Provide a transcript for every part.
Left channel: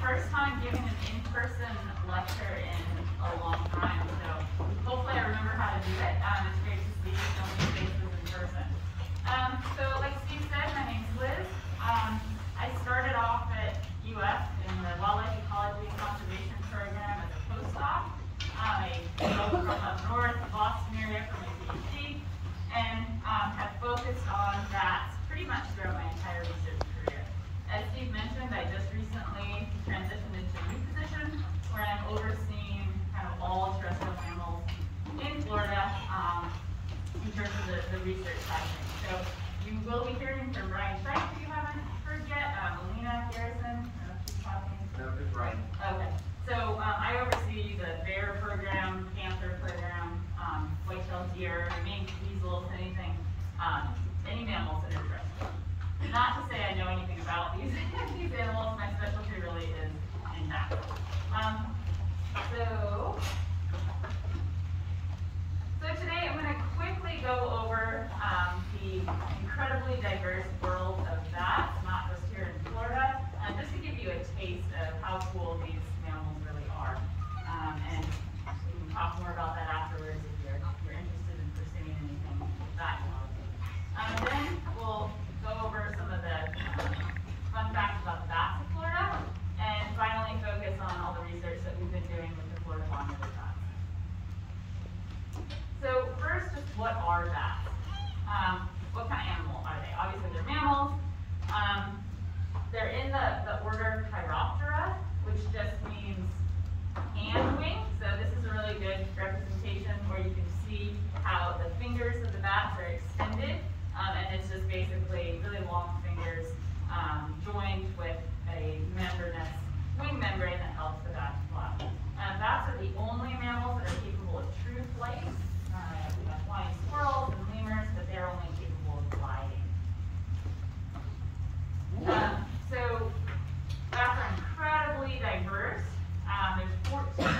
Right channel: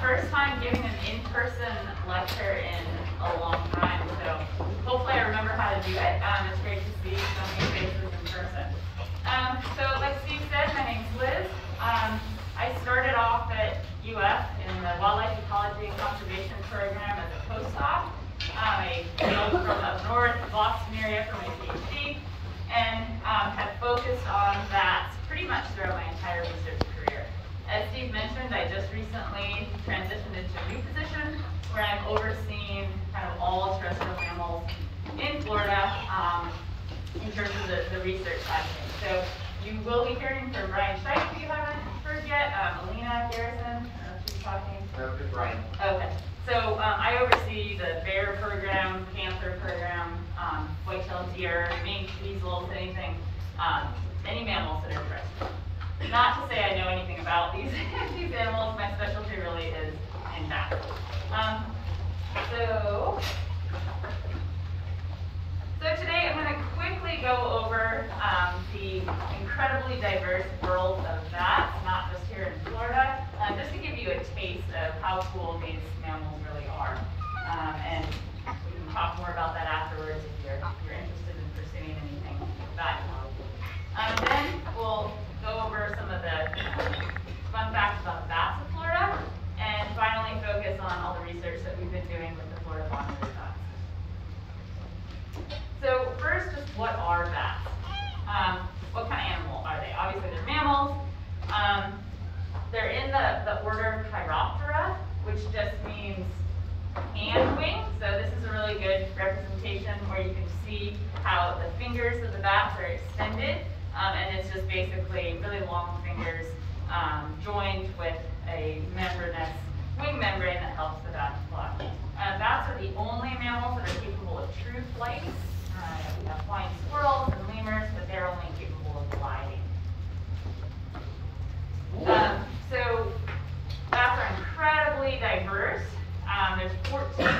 first time giving an in-person lecture in a long time, so hopefully I remember how to do it. It's great to see so many faces in person. So like Steve said, my name's Liz. I started off at UF in the Wildlife Ecology and Conservation Program as a postdoc. I hailed from up north, Boston area for my PhD, and have focused on that pretty much throughout my entire research career. As Steve mentioned, I just recently transitioned into a new position where I'm overseeing kind of all terrestrial mammals in Florida in terms of the research side of things. So you will be hearing from Brian Scheich, if you haven't heard yet, Alina Garrison, I don't know if she's talking. No, it's Brian. Okay, so I oversee the bear program, panther program, white-tailed deer, mink, weasels, anything, any mammals that are terrestrial. Not to say I know anything about these these animals. My specialty really is in that. So today I'm going to quickly go over the incredibly diverse world of bats, not just here in Florida, just to give you a taste of how cool these mammals really are. And we can talk more about that afterwards if you're interested in pursuing anything that. Then we'll go over some of the fun facts about the bats of Florida, and finally focus on all the research that we've been doing with the Florida monitor bats. So first, just what are bats? What kind of animal are they? Obviously they're mammals. They're in the order Chiroptera, which just means hand wing. So this is a really good representation where you can see how the fingers of the bats are extended. And it's just basically really long fingers joined with a membranous wing membrane that helps the bat fly. Bats are the only mammals that are capable of true flight. We have flying squirrels and lemurs, but they're only capable of gliding. So bats are incredibly diverse. There's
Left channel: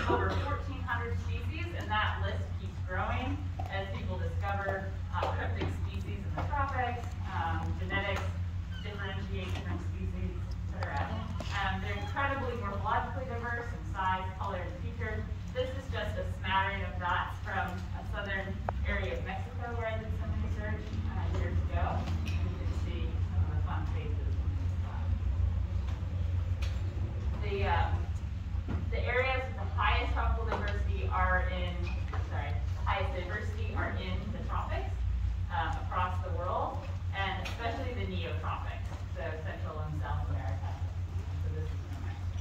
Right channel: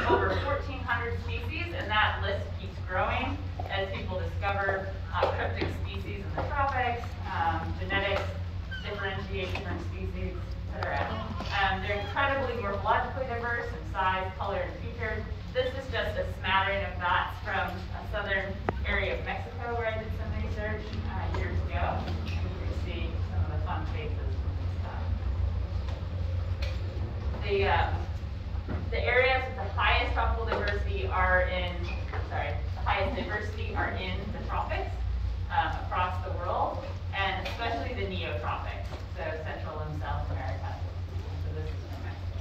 over 1,400 species, and that list keeps growing as people discover cryptic species in the tropics, genetics differentiate different species, etc. They're incredibly morphologically diverse in size, color, and feature. This is just a smattering of bats from a southern area of Mexico where I did some research years ago. You can see some of the fun faces from this side. The areas with the highest tropical diversity are in, the tropics across the world, and especially the neotropics, so Central and South America. So this is from Mexico.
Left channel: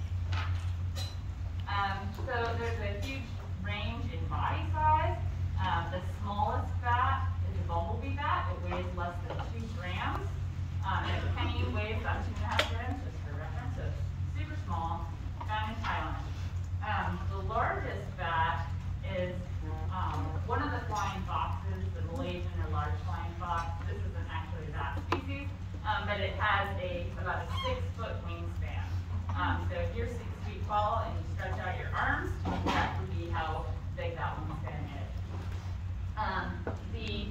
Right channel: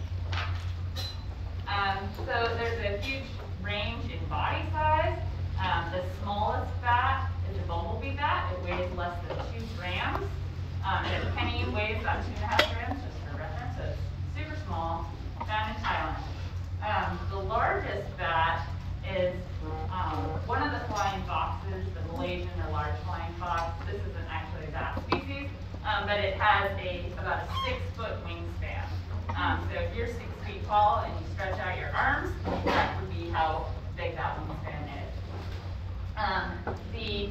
So there's a huge range in body size. The smallest bat is a bumblebee bat. It weighs less than 2 grams. And a penny weighs about 2.5 grams, just for reference. So it's super small, found in Thailand. The largest bat is one of the flying foxes, the Malaysian or large flying fox. This isn't actually a bat species, but it has about a 6-foot wingspan. So if you're 6 feet tall and you stretch out your arms, that would be how big that wingspan is. The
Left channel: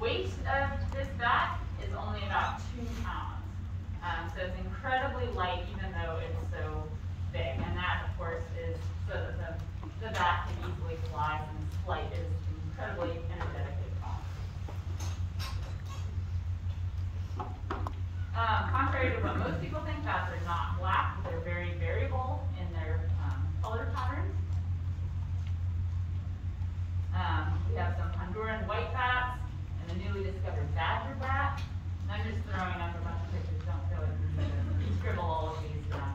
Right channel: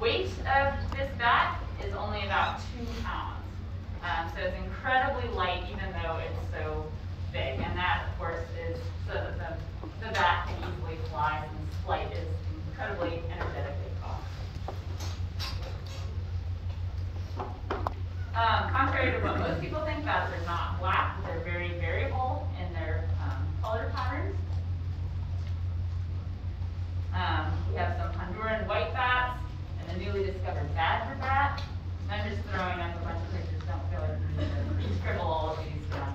weight of this bat is only about 2 pounds. So it's incredibly light, even though it's so big. And that, of course, is so that the bat can easily fly, and flight is incredibly energetically caused. Contrary to what most people think, bats are not black. They're very variable in their color patterns. We have some Honduran white bats and the newly discovered badger bat. And I'm just throwing up a bunch of pictures. Don't feel like you need to scribble all of these down.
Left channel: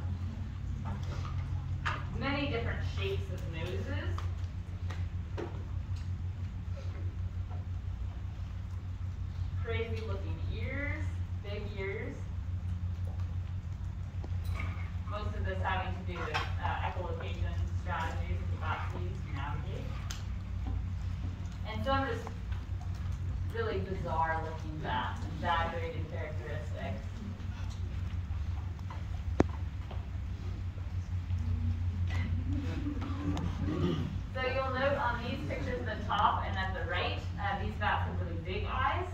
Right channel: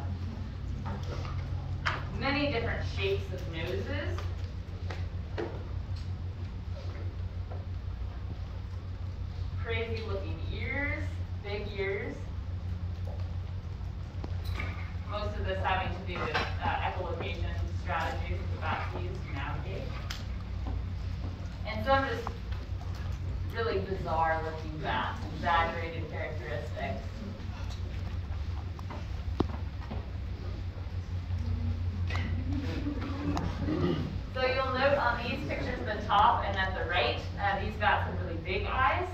Many different shapes of noses. Crazy looking ears, big ears. Most of this having to do with echolocation strategies that the bats use to navigate. And some just really bizarre looking bats, exaggerated characteristics. So you'll note on these pictures at the top and at the right, these bats have really big eyes,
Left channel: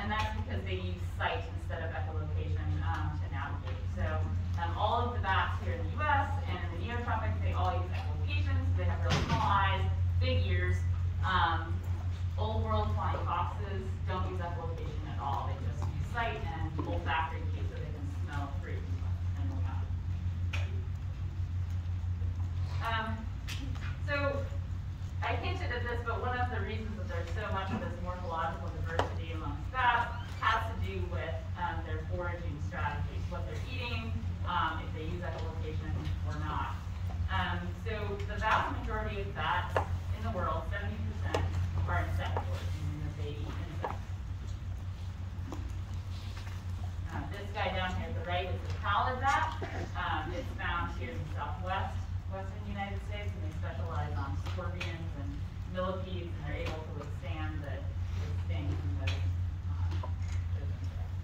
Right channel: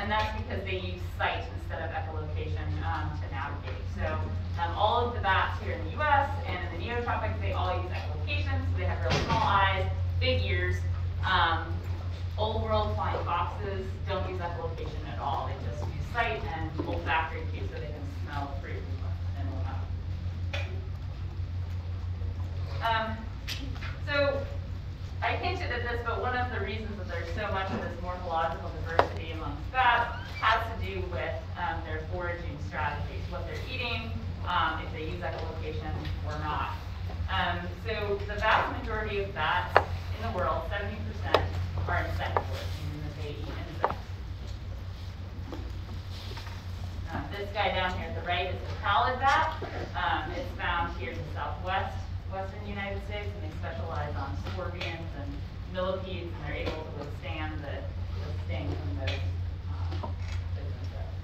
and that's because they use sight instead of echolocation to navigate. So all of the bats here in the U.S. olfactory tube so they can smell fruit and whatnot. So I hinted at this, but one of the reasons that there's so much of this morphological diversity amongst bats has to do with their foraging strategies, what they're eating, if they use echolocation or not. So the vast majority of bats in the world, 70%, are insectivores, meaning that they eat insects. This guy down here at the right is the pallid bat. It's found here in the western United States, and they specialize on scorpions and millipedes, and they're able to withstand the sting from those insects.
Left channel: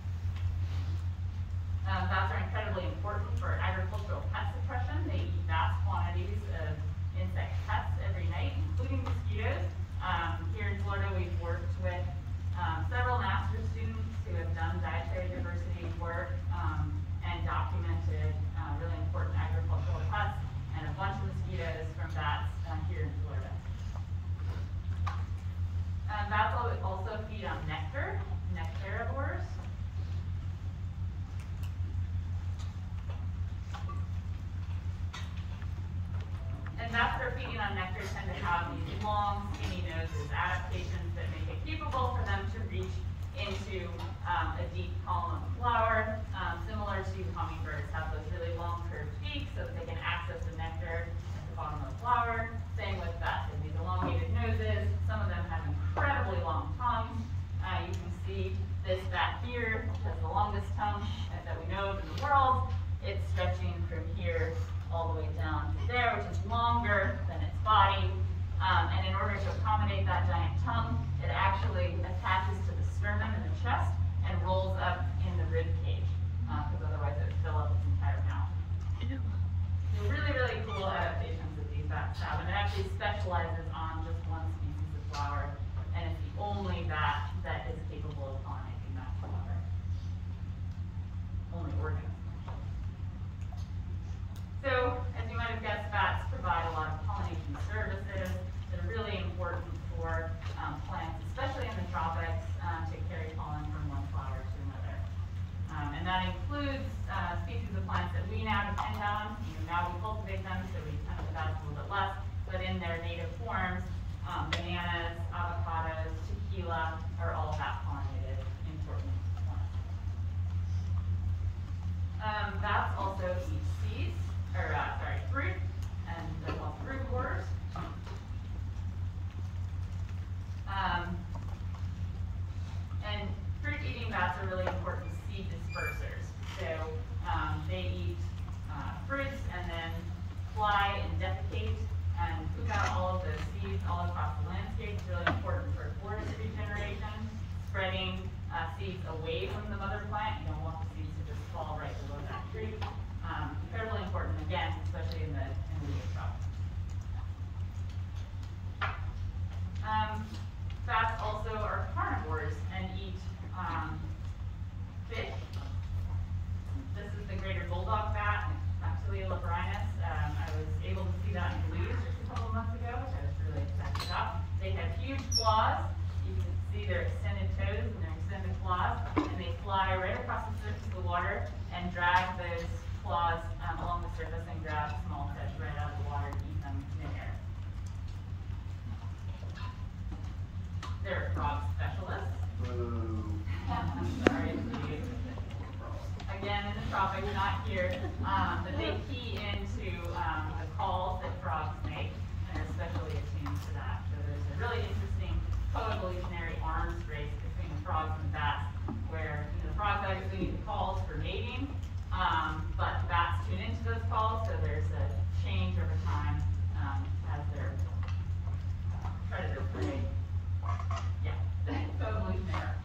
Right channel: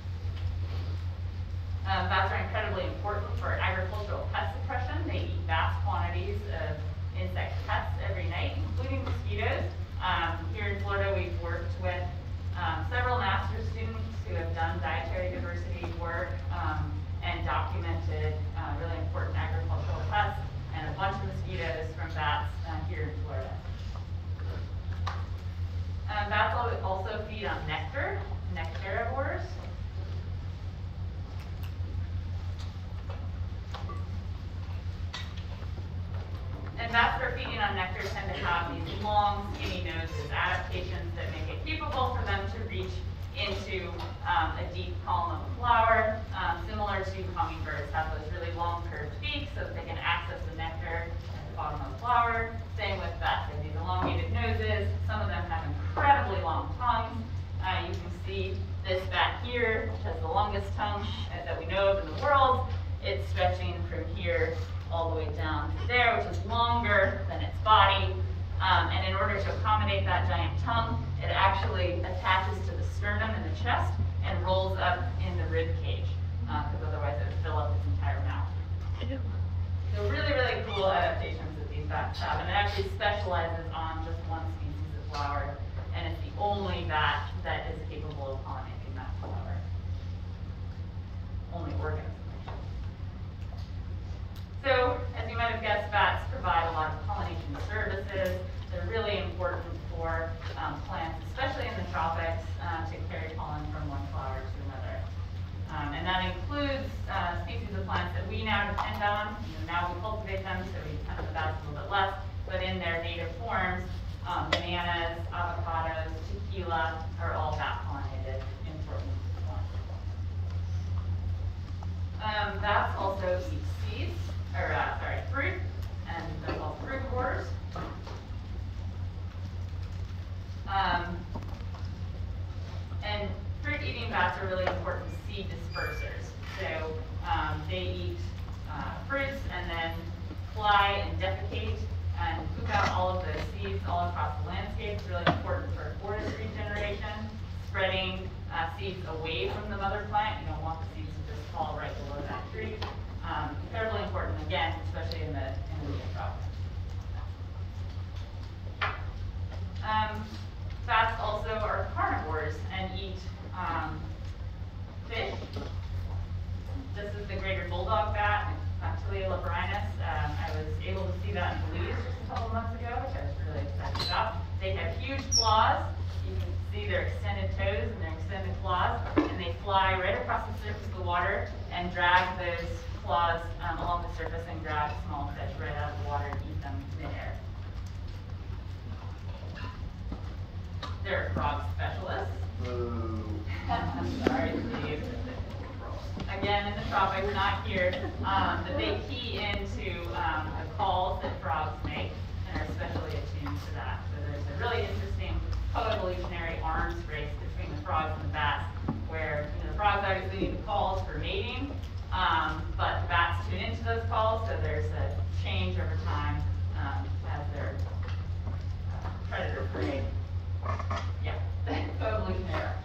Bats are incredibly important for agricultural pest suppression. They eat vast quantities of insect pests every night, including mosquitoes. Here in Florida, we've worked with several master's students who have done dietary diversity work and documented really important agricultural pests and a bunch of mosquitoes from bats here in Florida. Bats also feed on nectar, nectarivores. And bats that are feeding on nectar tend to have these long, skinny noses, adaptations that make it capable for them to reach into a deep column of a flower, similar to hummingbirds have those really long curved beaks so that they can access the nectar at the bottom of the flower. Same with bats, they have these elongated noses. Some of them have incredibly long tongues. You can see this bat here, which has the longest tongue that we know of in the world. It's stretching from here all the way down to there, which is longer than its body. And in order to accommodate that giant tongue, it actually attaches to the sternum and the chest and rolls up in the rib cage, because otherwise it would fill up its entire mouth. So really, really cool adaptations that these bats have, and it actually specializes on just one species of flower, and it's the only bat that is capable of pollinating that flower. Only organism. So, as you might have guessed, bats provide a lot of pollination services. They're really important for plants, especially in the tropics, to carry pollen from one flower to another. And that includes species of plants that we now depend on. Now we cultivate them, so we depend on the bats a little bit less, but in their native forms, bananas, avocados, tequila are all bat-pollinated important plants. Bats also eat seeds, fruit, and they're called frugivores. And fruit-eating bats are really important seed dispersers. So they eat fruits and then fly and defecate and poop out all of those seeds all across the landscape. It's really important for forest regeneration, spreading seeds away from the mother plant. You don't want the seeds to just fall right below that tree. Incredibly important, again, especially in the tropics. Bats also are carnivores and eat fish. This is the greater bulldog bat, Dactylia leporinus. I was able to see that in Belize just a couple months ago, which I was really excited about. They have huge claws. You can see their extended toes and their extended claws, and they fly right across the surface of the water and drag those claws along the surface and grab small fish right out of the water and eat them midair. They're frog specialists. Sorry, Steve. Again, in the tropics, not here, but they key into the calls that frogs make and are especially attuned to that. So there's a really interesting coevolutionary arms race between the frogs and the bats, where the frogs obviously need the calls for mating, but the bats tune into those calls, so there's a change over time as their predator prey. Yeah, coevolutionary arms.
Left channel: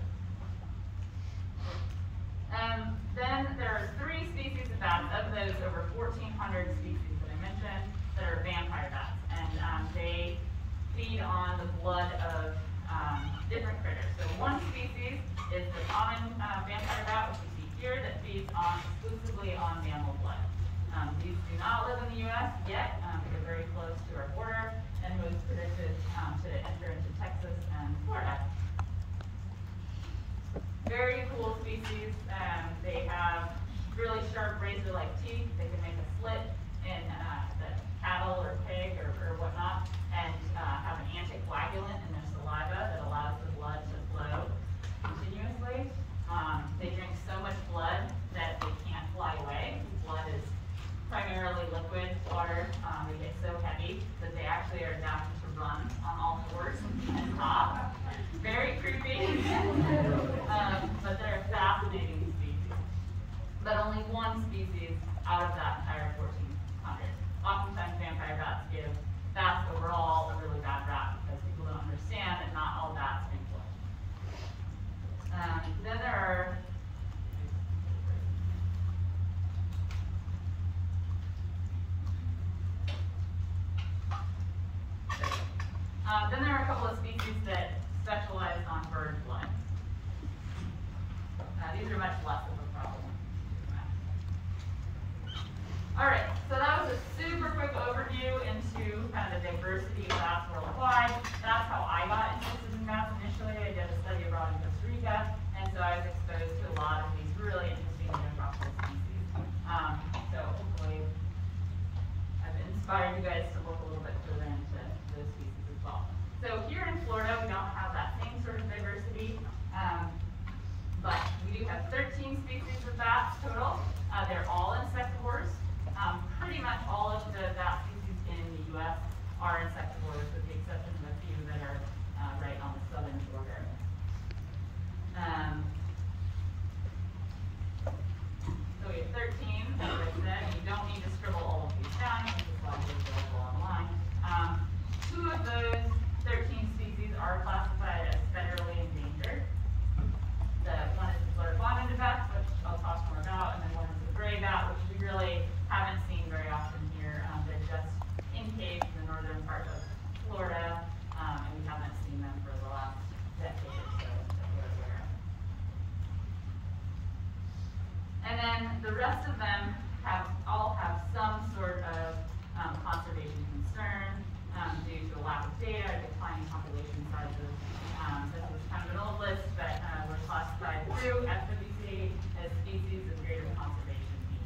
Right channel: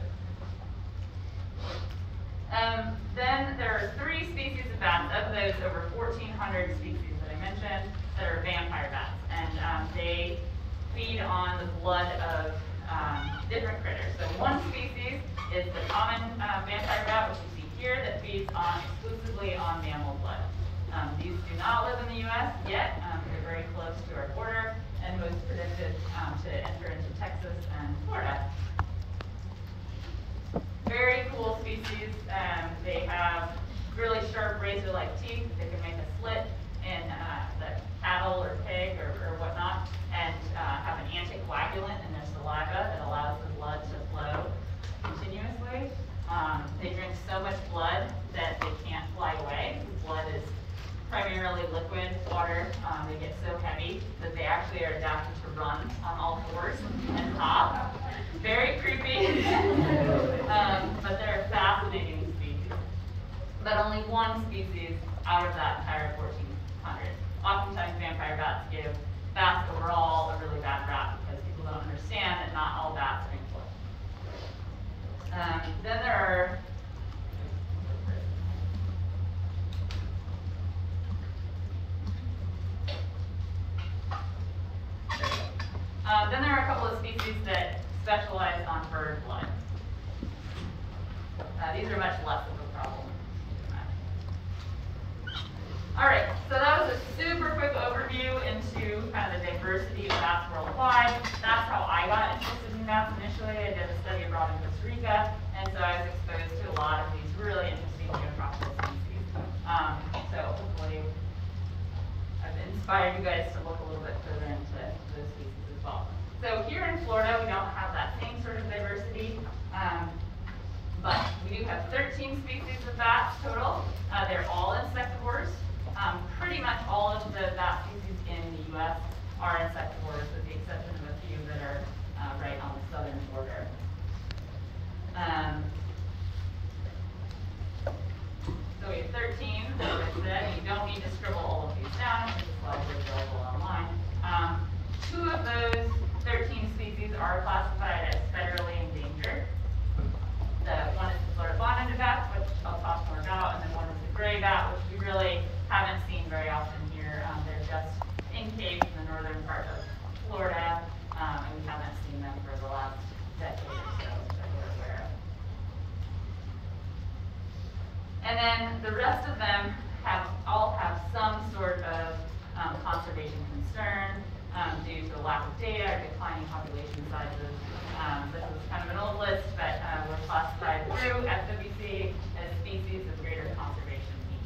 Then there are 3 species of bats, of those over 1,400 species that I mentioned, that are vampire bats. And they feed on the blood of different critters. So one species is the common vampire bat, which you see here, that feeds exclusively on mammal blood. These do not live in the U.S. yet. They're very close to our border, and most predicted to enter into Texas and Florida. Very cool species. They laser-like teeth that can make a slit in the cattle or pig or whatnot, and have an anticoagulant in their saliva that allows the blood to flow continuously. They drink so much blood that they can't fly away. Blood is primarily liquid water. They get so heavy that they actually are adapted to run on all fours and hop. Very creepy, but they're a fascinating species. But only one species out of that entire 1,400. Oftentimes vampire bats give bats overall a really bad rap because people don't understand that not all bats are equal. Then there are a couple of species that specialize on bird blood. These are much less of a problem. All right, so that was a super quick overview into kind of the diversity of bats worldwide. That's how I got interested in bats initially. I did a study abroad in Costa Rica, and so I was exposed to a lot of these really interesting neoprophyll species. So hopefully I've inspired you guys to look a little bit further into those species as well. So here in Florida, we don't have that same sort of diversity, but we do have 13 species of bats total. They're all insectivores. Pretty much all of the bat species in the U.S. are insectivores, with the exception of a few that are right on the southern border. So we have 13, as I said. You don't need to scribble all of these down, because the slides are available online. 2 of those 13 species are classified as federally endangered. One is the Florida bonneted bat, which I'll talk more about, and then one is the gray bat, which we really haven't seen very often here. They're just in caves in the northern part of Florida, and we haven't seen them for the last decade or so that we're aware of. And then the rest of them all have some sort of conservation concern due to a lack of data or declining population sizes. This is kind of an old list, but we're classified through FWC as species of greater conservation need.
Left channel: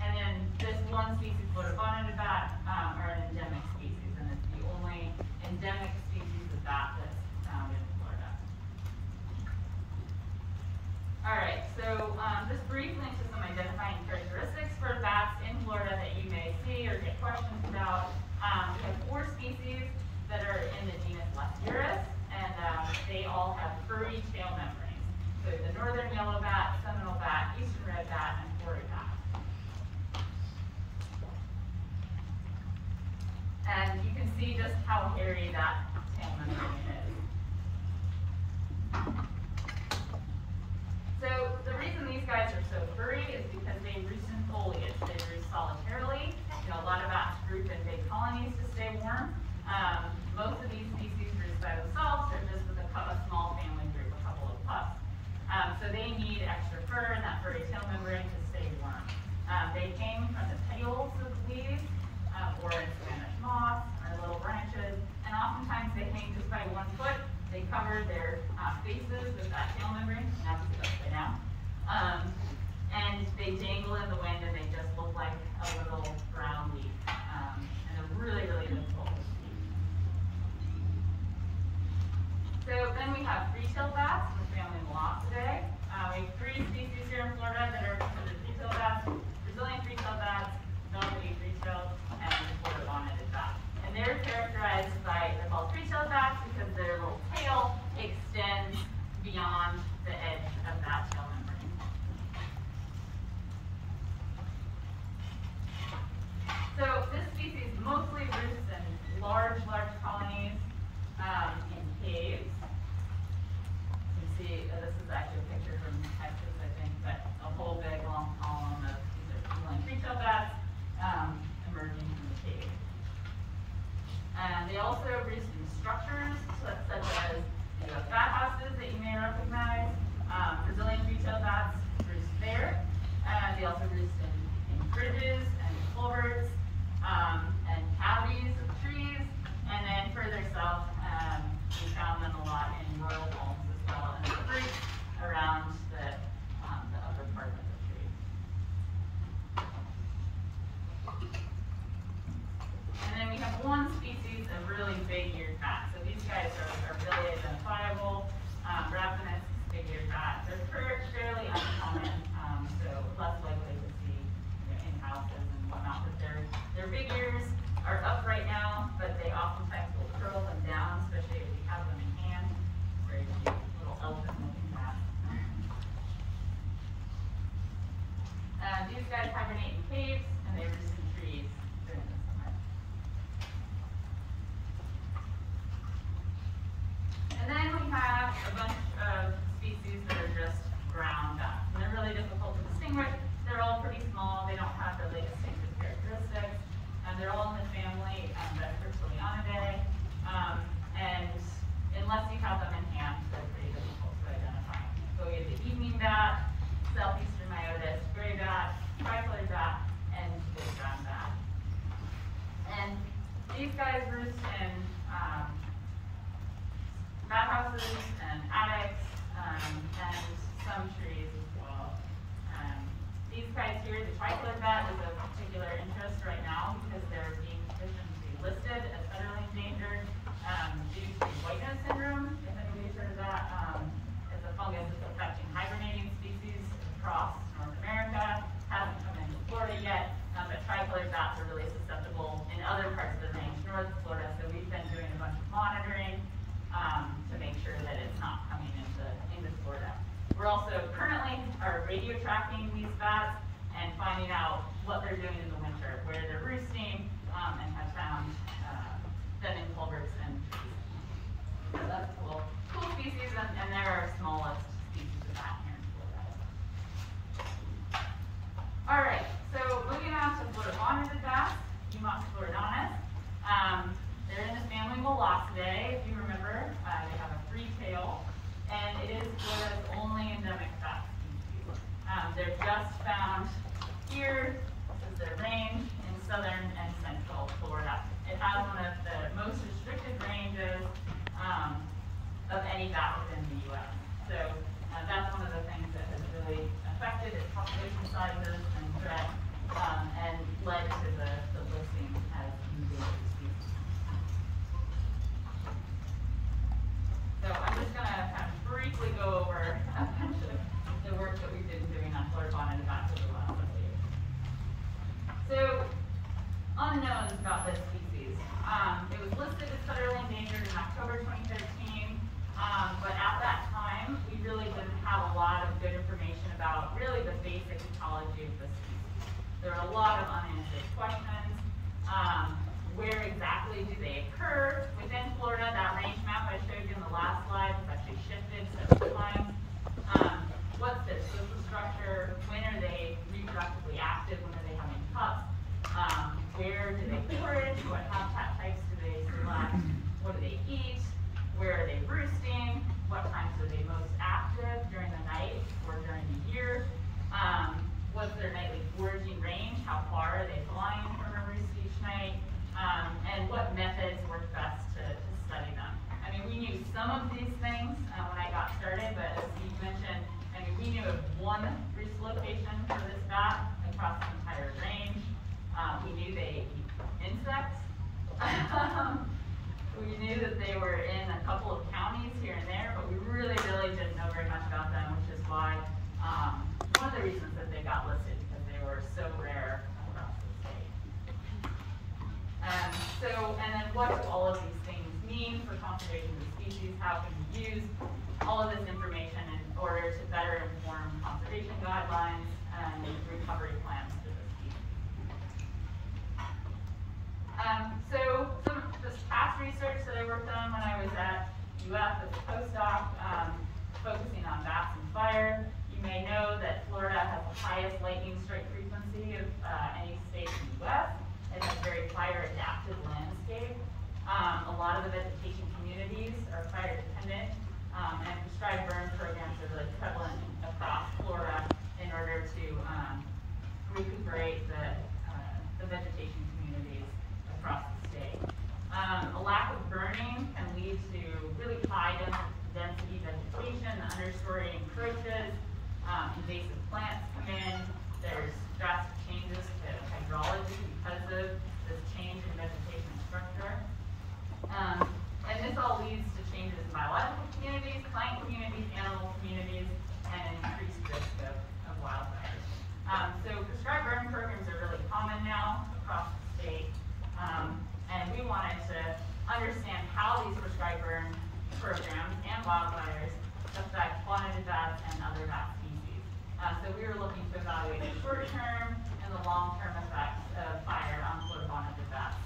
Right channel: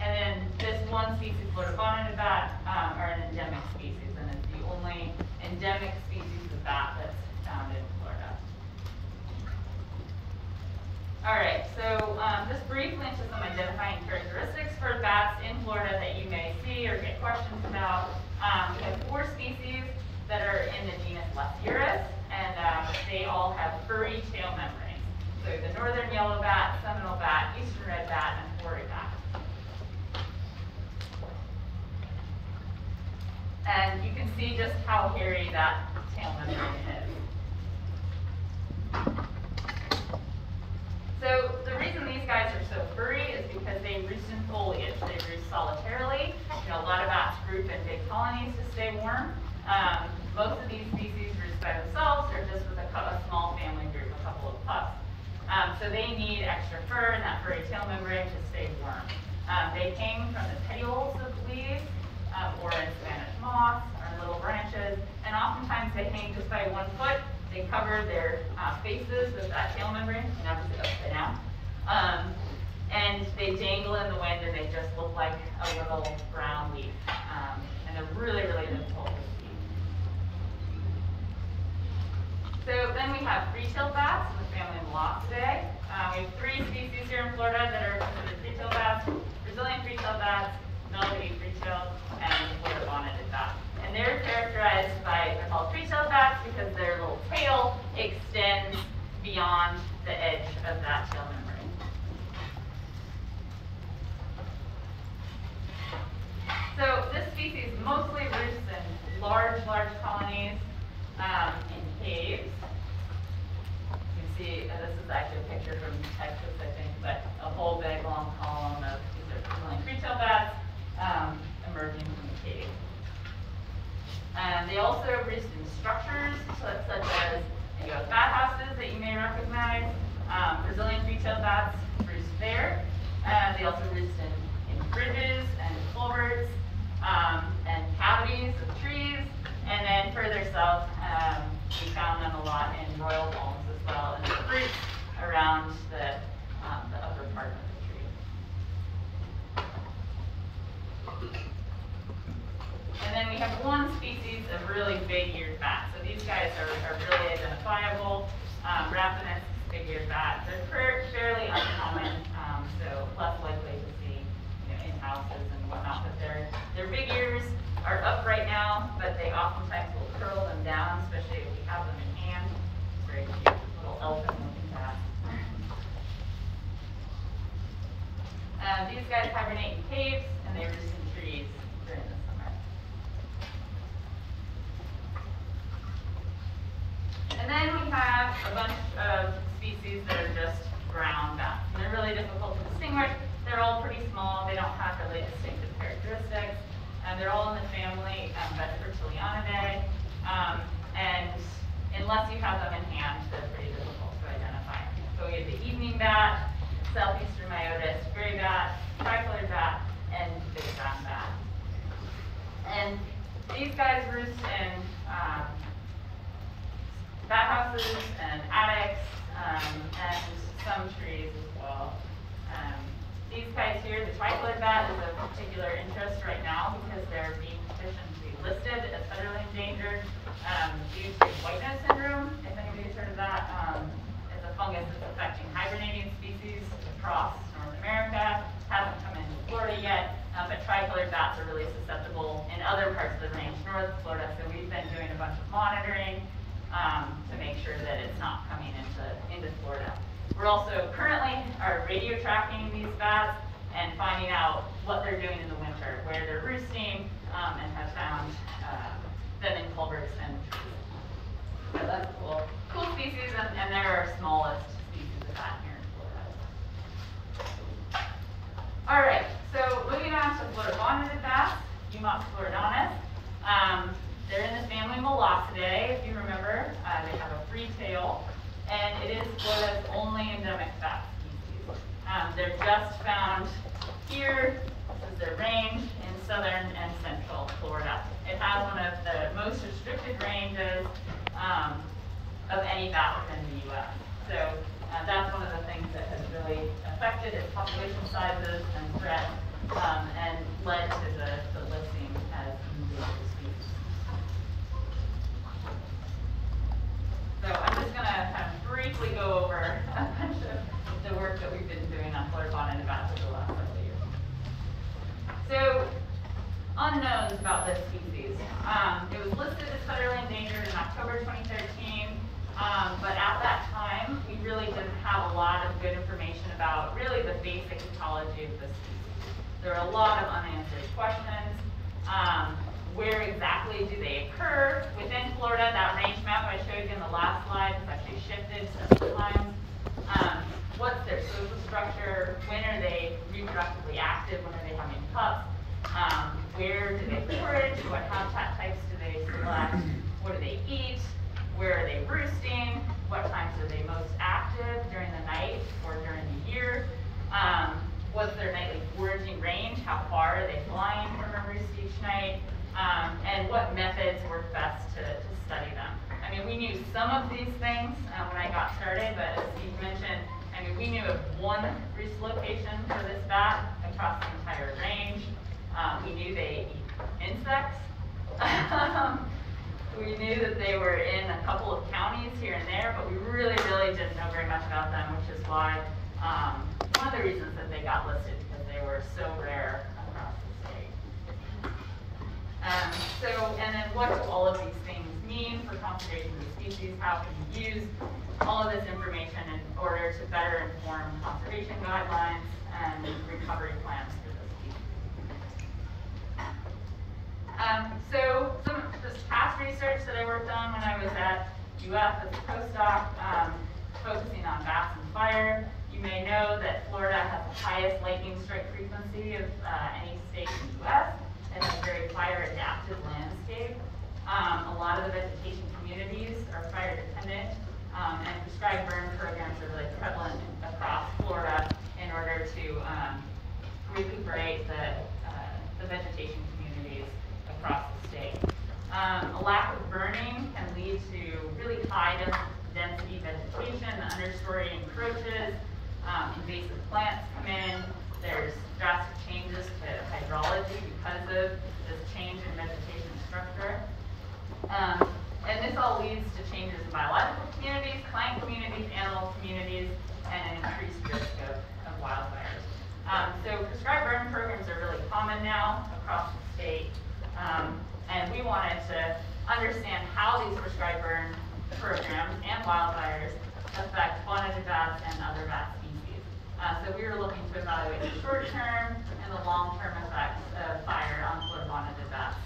And then this one species, Florida bonneted bat, are an endemic species, and it's the only endemic species of bat that's found in Florida. All right, so just briefly into some identifying characteristics for bats in Florida that you may see or get questions about. We have 4 species that are in the genus Lasiurus, and they all have furry tail membranes. So the northern yellow bat, Seminole bat, eastern red bat, and hoary bat. And you can see just how hairy that tail membrane is. So the reason these guys are so furry is because they roost in foliage. They roost solitarily. A lot of bats group in big colonies to stay warm. Most of these species roost by themselves or just with a small family group, a couple of pups. So they need extra fur and that furry tail membrane to stay warm. They hang from the petioles of leaves or in Spanish moss or little branches, and oftentimes they hang just by 1 foot. They cover their faces with that tail membrane, and obviously upside down. And they dangle in the wind, and they just look like a little brown leaf. And they're really, really difficult to see. So then we have free-tailed bats in the family Moloscidae. We have 3 species here in Florida that are considered free-tailed bats: Brazilian free-tailed bats, Melody free-tailed, and the Florida bonneted bat. And they're characterized by, they're called free-tailed bats because their little tail extends beyond the edge of that tail membrane. So this species mostly roosts in large colonies in caves. You can see, this is actually a picture from Texas, I think, but a whole big long column of these are Brazilian free-tailed bats emerging from the cave. They also roost in structures such as bat houses that you may recognize. Brazilian free-tailed bats roost there. They also roost in bridges and culverts and cavities of trees. And then further south, we found them guys are really identifiable. Rapinus figures that they're fairly uncommon, so less likely to see in houses and whatnot. But their big ears are up right now, but they oftentimes will curl them down, especially if you have them in hand. Very cute little elfin-looking bat. These guys hibernate in caves, and they roost in trees during the summer. And then we have a bunch of species that are just brown bats. And they're really difficult to distinguish. They're all pretty small. They don't have really distinctive characteristics. They're all in the family Vespertilionidae. And unless you have them in hand, they're pretty difficult to identify. So we have the evening bat, Southeastern Myotis, gray bat, tricolored bat, and big brown bat. And these guys roost in bat houses and attics, and some trees as well. These guys here, the tricolored bat is of particular interest right now because they're being petitioned to be listed as federally endangered due to white nose syndrome. If anybody's heard of that, it's a fungus that's affecting hibernating species across North America. Hasn't come into Florida yet, but tricolored bats are really susceptible in other parts of the range north of Florida. So we've been doing a bunch of monitoring to make sure that it's not coming into Florida. We're also currently radio tracking these bats and finding out what they're doing in the winter, where they're roosting, and have found them in culverts and trees. So that's cool species, and they're our smallest species of bat here in Florida. All right, so moving on to Florida bonneted bats, Eumux floridonus. They're in the family Melocidae, if you remember. They have a free tail, and it is Florida's only endemic bat species. They're just found here. This is their range in southern and central Florida. It has one of the most restricted ranges of any bat within the U.S. So that's one of the things that has really affected its population sizes and threat, and led to the listing as endangered species. So I'm just going to kind of briefly go over a bunch of the work that we've been doing on Florida bonneted bats over the last several years. So, unknowns about this species. It was listed as federally endangered in October 2013, but at that time, we really didn't have a lot of good information about really the basic ecology of the species. There are a lot of unanswered questions. Where exactly do they occur within Florida? That range map I showed you in the last slide has actually shifted several times. What's their social structure? When are they reproductively active? When are they having pups? Where do they forage? What habitat types do they select? What do they eat? Where are they roosting? What times are they most active, during the night or during the year? What's their nightly foraging range? How far are they flying from a roost each night? And what methods work best to study them. I mean, we knew some of these things when I got started, but as Steve mentioned, I mean, we knew of one roost location for this bat across the entire range. We knew they eat insects. We knew that they were in a couple of counties here and there, but we really didn't know very much about them, which is why one of the reasons that they got listed, because they were so rare across the state. And then what do all of these things mean for conservation of the species? How can we use all of this information in order to better inform conservation guidelines and recovery plans for the species? So some just past research that I worked on when I was at UF as a postdoc, focusing on bats and fire. You may know that Florida has the highest lightning strike frequency of any state in the US. It has a very fire-adapted landscape. A lot of the vegetation communities are fire-dependent, and prescribed burn programs are really prevalent across Florida in order to recuperate the vegetation communities across the state. A lack of burning can lead to really high density vegetation, the understory encroaches, invasive plants come in, there's drastic changes to hydrology because of this change in vegetation structure. And this all leads to in biological communities, plant communities, animal communities, and an increased risk of wildfires. So prescribed burn programs are really common now across the state, and we wanted to understand how these prescribed burn programs and wildfires affect bonneted bats and other bat species. So we were looking to evaluate the short-term and the long-term effects of fire on bonneted bats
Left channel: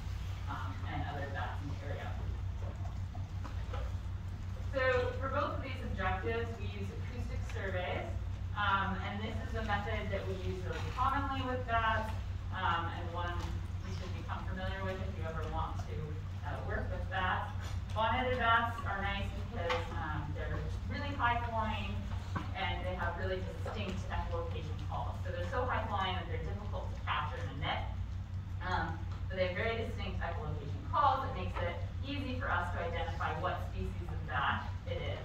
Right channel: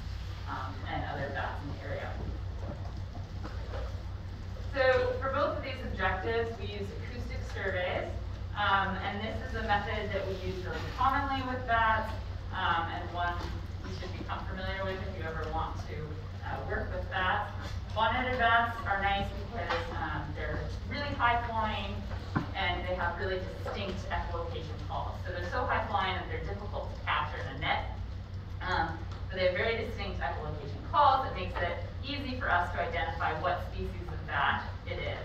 and other bats in the area. So for both of these objectives, we use acoustic surveys, and this is a method that we use really commonly with bats, and one you should become familiar with if you ever want to work with bats. Bonneted bats are nice because they're really high flying and they have really distinct echolocation calls. So they're so high flying that they're difficult to capture in a net. But they have very distinct echolocation calls that makes it easy for us to identify what species of bat it is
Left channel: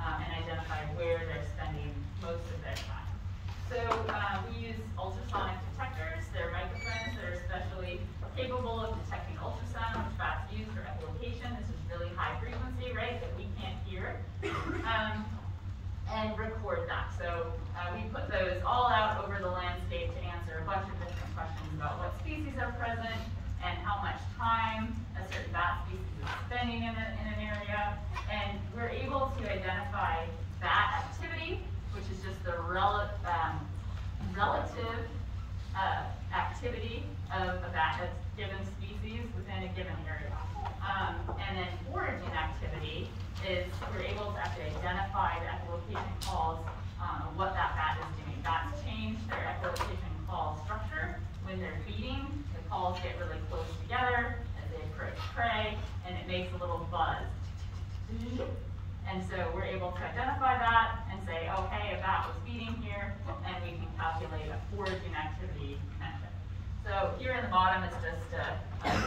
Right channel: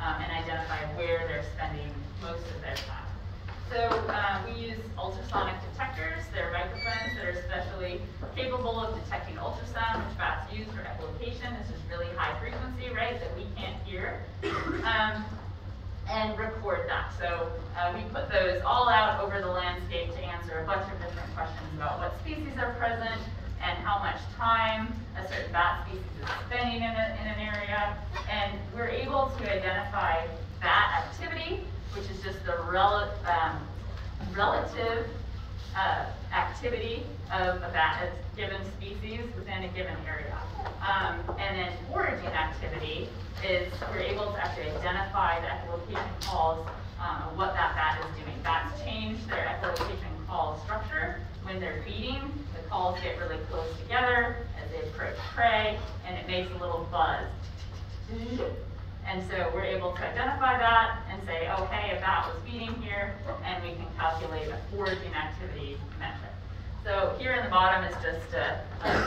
and identify where they're spending most of their time. So we use ultrasonic detectors. They're microphones that are especially capable of detecting ultrasound, which bats use for echolocation. This is really high frequency, right, that we can't hear, and record that. So we put those all out over the landscape to answer a bunch of different questions about what species are present and how much time a certain bat species is spending in an area. And we're able to identify bat activity, which is just the relative activity of a given species within a given area. And then foraging activity is we're able to actually identify the echolocation calls of what that bat is doing. Bats change their echolocation call structure when they're feeding. The calls get really close together as they approach prey, and it makes a little buzz. And so we're able to identify that and say, okay, a bat was feeding here, and we can calculate a foraging activity metric. So here in the bottom is just a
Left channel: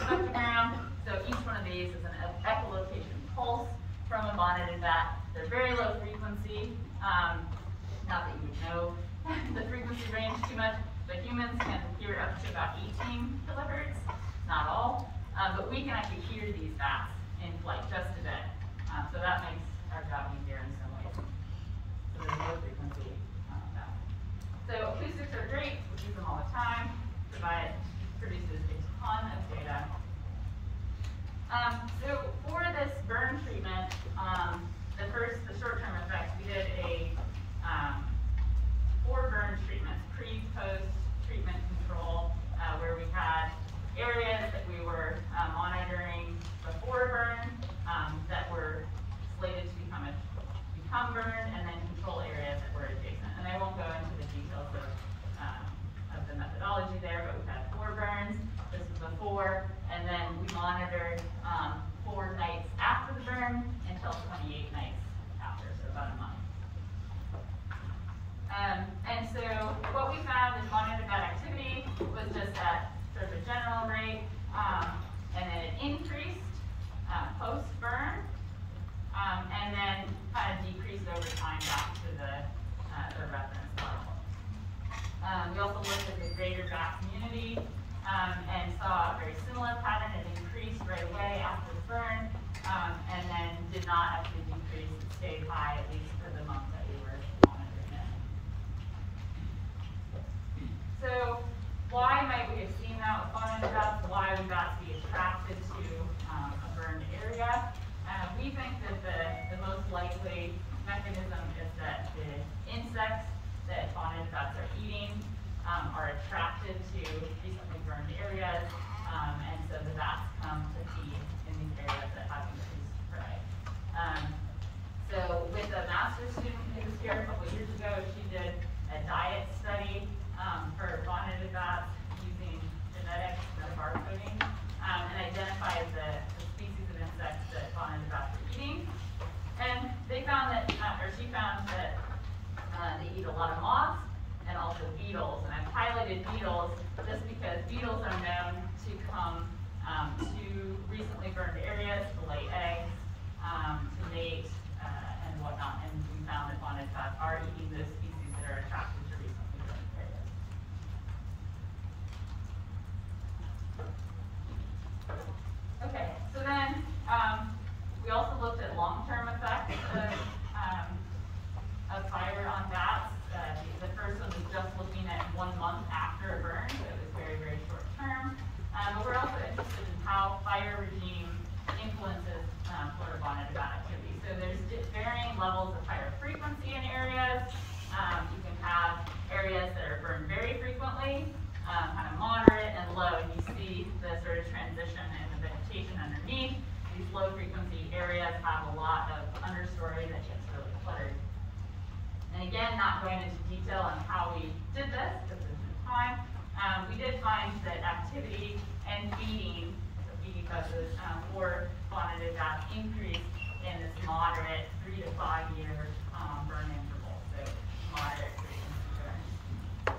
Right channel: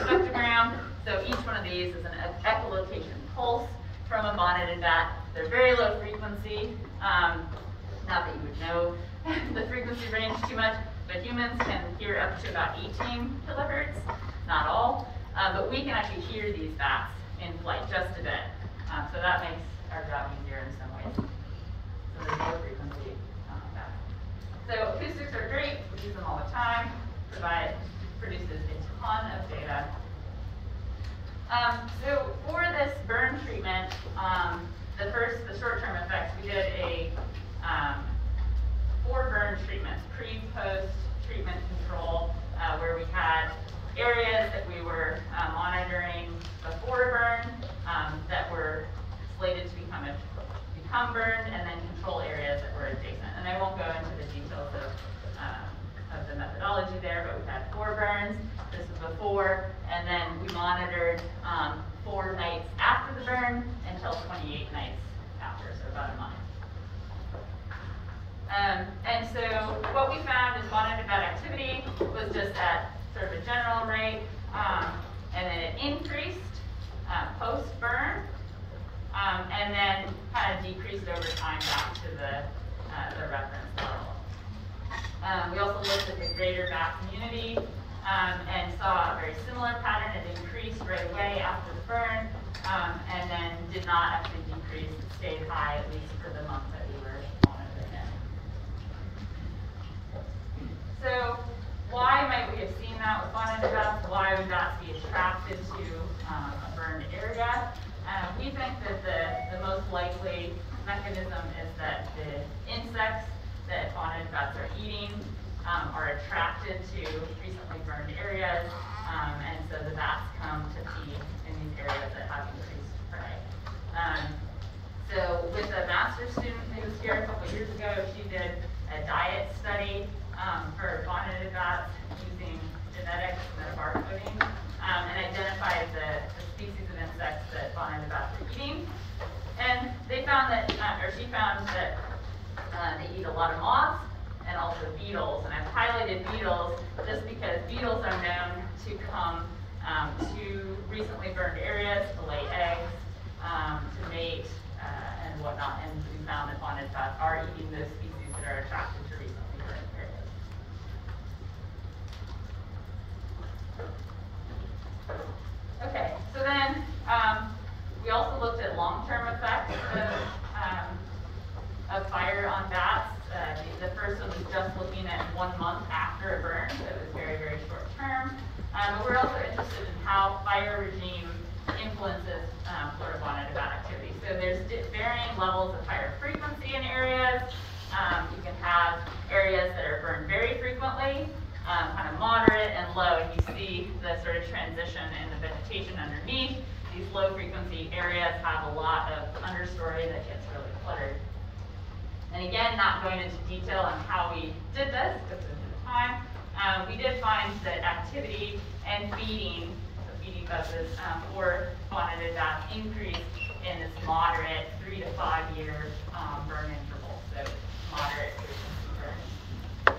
spectrogram. So each one of these is an echolocation pulse from a bonneted bat. They're very low frequency. Not that you would know the frequency range too much, but humans can hear up to about 18 kilohertz, not all. But we can actually hear these bats in flight just a bit. So that makes our job easier in some ways. So there's low frequency bats. So acoustics are great. We use them all the time. Produces a ton of data. So for this burn treatment, the short-term effects, we did a 4 burn treatments, pre-post treatment control, where we had areas that we were monitoring before a burn that were slated to become burned, and then control areas that were adjacent. And I won't go into the details of the methodology there, but we had 4 burns. This was before, and then we monitored 4 nights after the burn until 28 nights after, so about a month. And so what we found is bonneted bat activity was just at sort of a general rate, and then it increased post-burn, and then kind of decreased over time back to the reference level. We also looked at the greater bat community and saw a very similar pattern. It increased right away after the burn, and then did not actually decrease. It stayed high, at least for the month that we were monitoring it. So why might we have seen that with bonneted bats? Why would bats be attracted to a burned area? We think that the most likely mechanism is that the insects that bonneted bats are eating are attracted to recently burned areas, and so the bats come to feed in these areas that have increased prey. So with a master's student who was here a couple years ago, she did a diet study for bonneted bats using genetics, metabarcoding, and identified the species of insects that bonneted bats are eating. And they found that, or she found that they eat a lot of moths and also beetles. And I've highlighted beetles just because beetles are known to come to recently burned areas to lay eggs, to mate, and whatnot. And we found that bonneted bats are eating those species that are attracted to recently burned areas. Okay, so then we also looked at long-term effects. we're also interested in how fire regime influences Florida bonneted bat activity. So there's varying levels of fire frequency in areas. You can have areas that are burned very frequently, kind of moderate and low, and you see the sort of transition in the vegetation underneath. These low frequency areas have a lot of understory that gets really cluttered. And again, not going into detail on how we did this because of the time, we did find that activity and feeding, so feeding buses for bonneted bats increased in this moderate 3 to 5 year burn interval, so moderate frequency burn.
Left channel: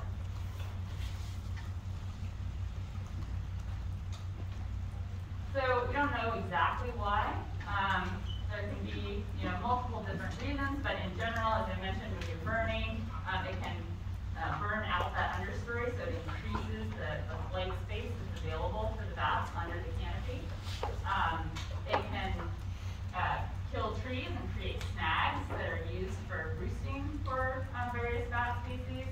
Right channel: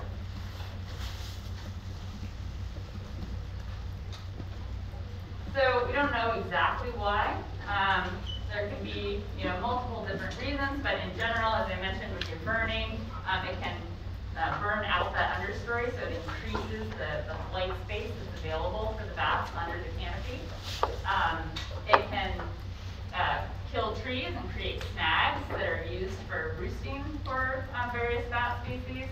So we don't know exactly why. There can be, multiple different reasons, but in general, as I mentioned, when you're burning, it can burn out that understory, so it increases the flight space that's available for the bats under the canopy. It can kill trees and create snags that are used for roosting for various bat species,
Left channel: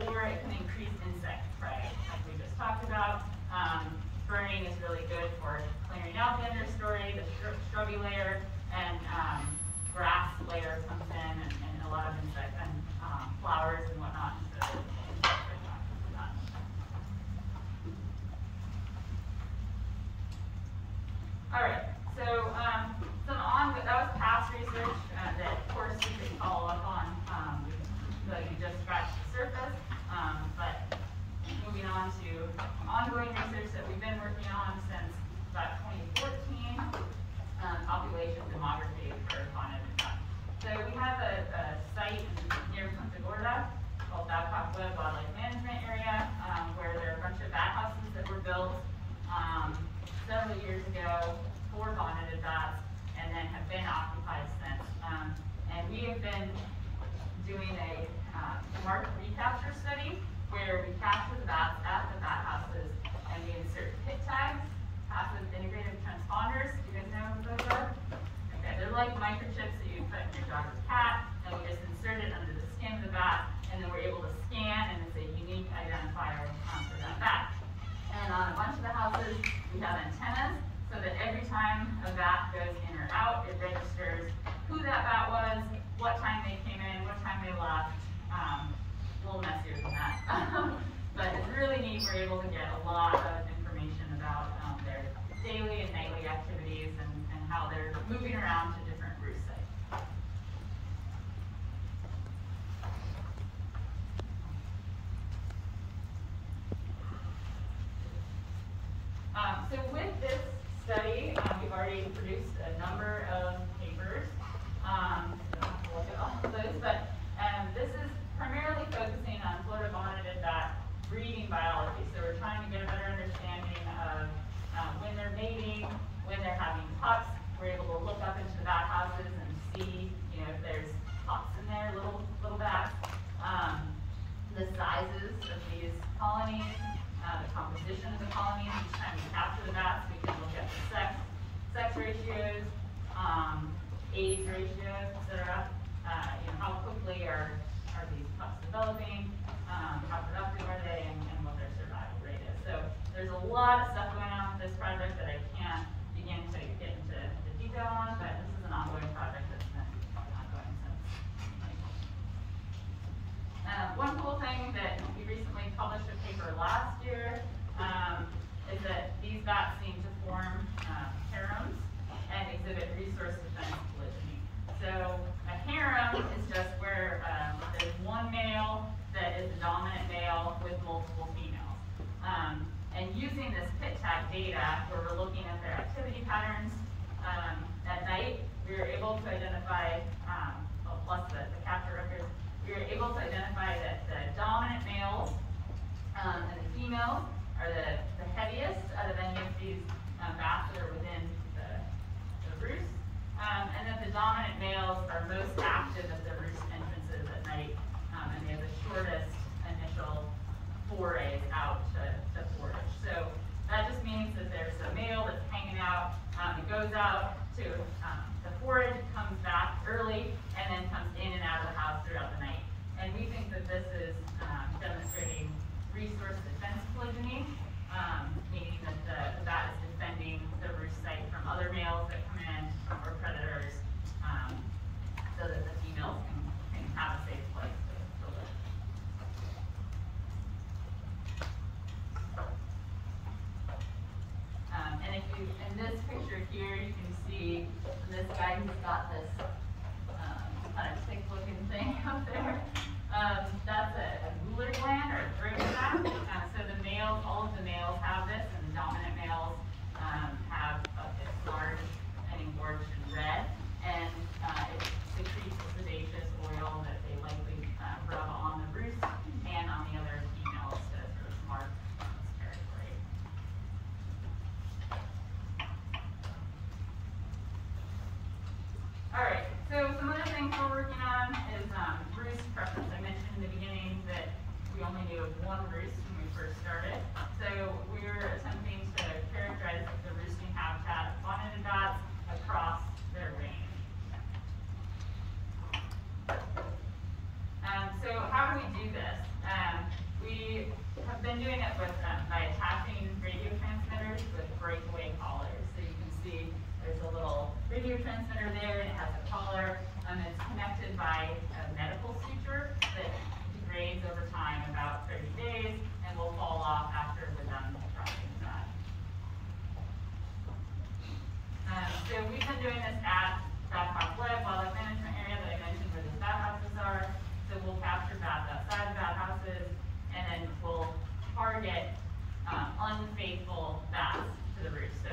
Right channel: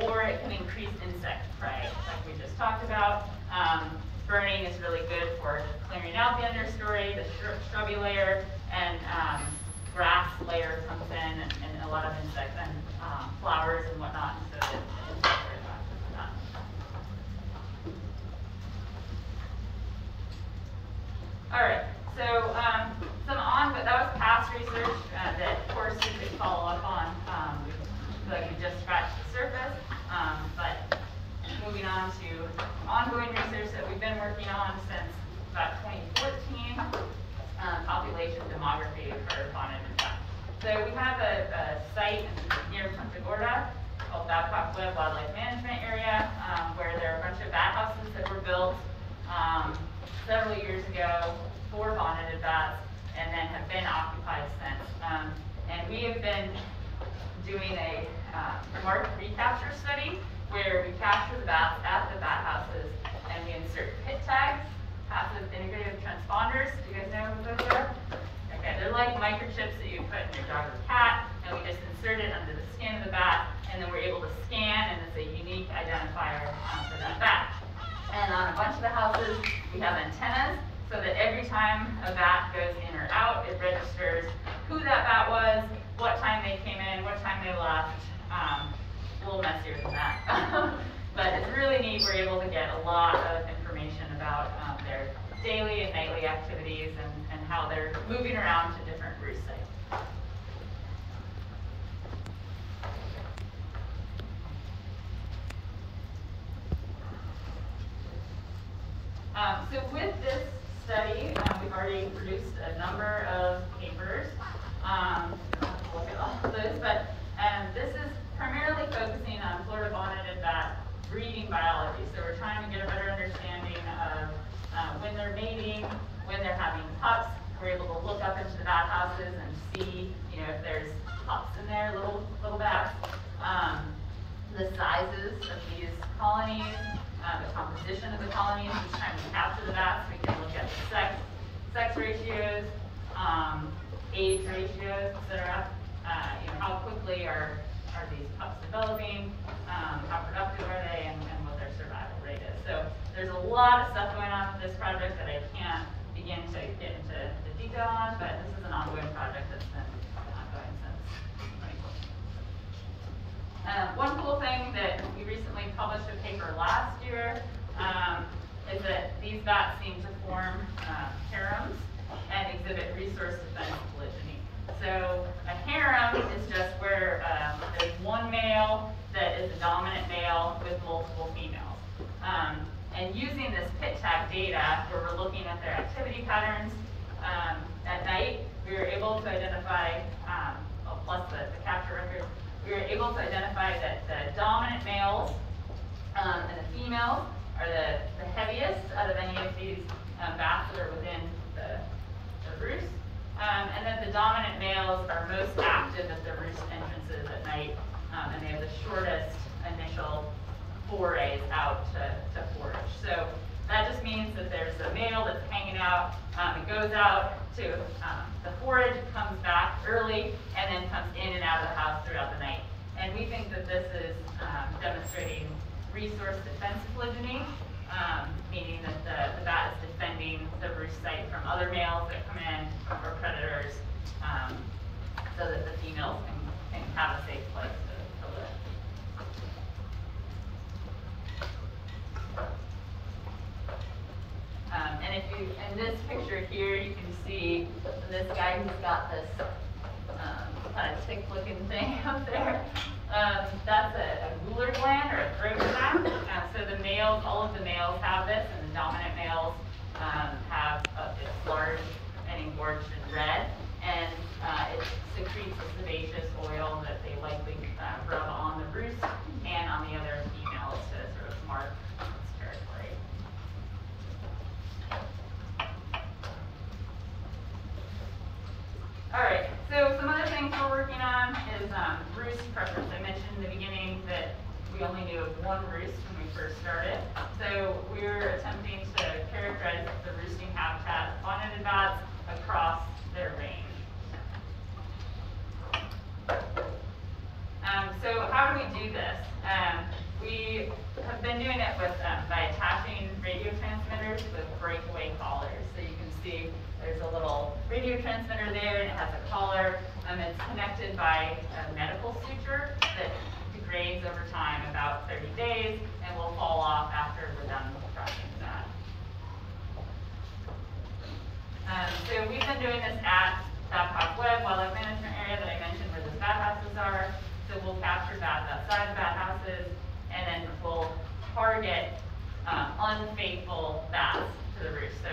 or it can increase insect prey, like we just talked about. Burning is really good for clearing out the understory, the shrubby layer, and grass layer comes in, and a lot of insects and flowers and whatnot. So the insects are attracted to that. All right. So that was past research that courses they follow up on. So you just scratched the surface, but moving on to ongoing research that we've been working on since about 2014, population demography for bonneted bats. So we have a site near Punta Gorda called Babcock Webb Wildlife Management Area, where there are a bunch of bat houses that were built several years ago for bonneted bats, and then have been occupied since. And we have been doing a marked recapture study where we capture the bats at the bat houses and we insert pit tags, passive integrative transponders. Do you guys know what those are? Okay, they're like microchips that you put in your dog or cat, and we just insert it under the skin of the bat, and then we're able to scan, and it's a unique identifier for that bat. And on a bunch of the houses, we have antennas, so that every time a bat goes in or out, it registers who that bat was, what time they came in, what time they left. A little messier than that. But it's really neat. We're able to get a lot of information about their daily and nightly activities and how they're moving around to different roost sites. So with this study, we've already produced a number of papers. I don't have to look at all of those, but this is primarily focusing on Florida bonneted bat breeding biology. So we're trying to get a better understanding of when they're mating, when they're having pups. We're able to look up into the bat houses and see, if there's pups in there, little bats. The sizes of these colonies, the composition of the colonies. Each time we capture the bats, we can look at the sex ratios, age ratios, etc. How quickly are these pups developing, how productive are they, and what their survival rate is. So there's a lot of stuff going on for this project that I can't begin to get into the detail on, but this is an ongoing project that's been going since 2014. One cool thing that we recently published a paper last year is that these bats seem to form harems and exhibit resource defense polygyny. So a harem is just where there's one male that is a dominant male with multiple females. And using this pit tag data, where we're looking at their activity patterns at night, we were able to identify, plus the capture records, we were able to identify that the dominant males and the females are the heaviest out of any of these bats that are within the roost. And that the dominant males are most active at the roost entrances at night, and they have the shortest initial forays out to forage. So that just means that there's a male that's hanging out, it goes out to the forage, comes back early, and then comes in and out of the house throughout the night. And we think that this is demonstrating resource defense polygyny. meaning that the bat is defending the roost site from other males that come in or predators, so that the females can have a safe place to live. And if you, in this picture here, you can see this guy who's got this kind of tick-looking thing up there. That's a Gular gland or a throat sac. So the males, all of the males have this, and the dominant males have it's large and engorged and red, and it secretes a sebaceous oil that they likely rub on the roost and on the other females to sort of mark its territory. All right, so some other things we're working on is roost preference. I mentioned in the beginning that we only knew of one roost when we first started. So we're attempting to characterize the roosting habitat of bonneted bats across their range. So how do we do this? We have been doing it with by attaching radio transmitters with breakaway collars. So you can see there's a little radio transmitter there, and it has a collar. It's connected by a medical suture that degrades over time, about 30 days, and will fall off after we're done tracking the bat. So we've been doing this at Babcock Webb Wildlife Management Area that I mentioned where the bat houses are. So we'll capture bats outside the bat houses, and then we'll target unfaithful bats to the roost. So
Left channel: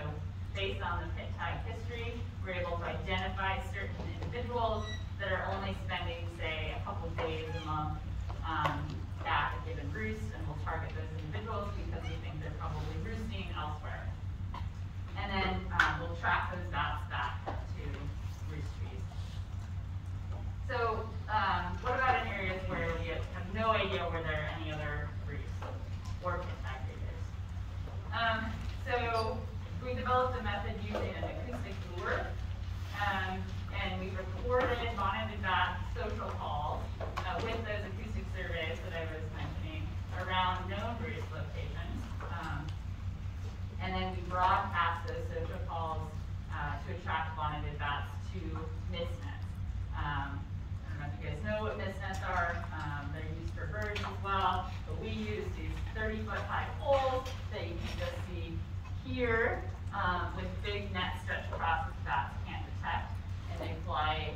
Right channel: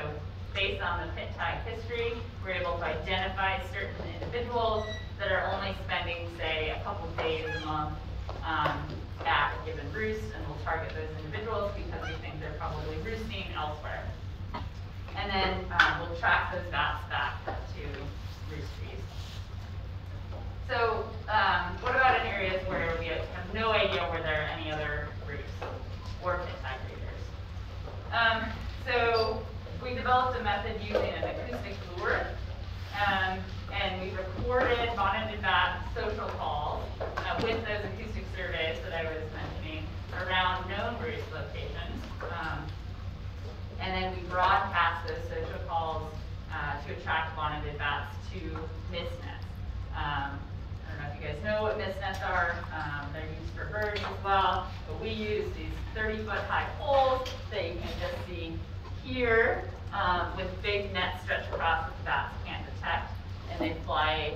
based on the pit tag history, we're able to identify certain individuals that are only spending, say, a couple days a month at a given roost, and we'll target those individuals because we think they're probably roosting elsewhere. And then we'll track those bats back to roost trees. So what about in areas where we have no idea where there are any other roosts or pit tag breeders? So we developed a method using an acoustic lure, and we recorded bonneted bat social calls with those acoustic surveys that I was mentioning around known roost locations. And then we broadcast those social calls to attract bonneted bats to mist nets. I don't know if you guys know what mist nets are. They're used for birds as well, but we use these 30-foot high poles that you can just see here with big nets stretched across that the bats can't detect, and they fly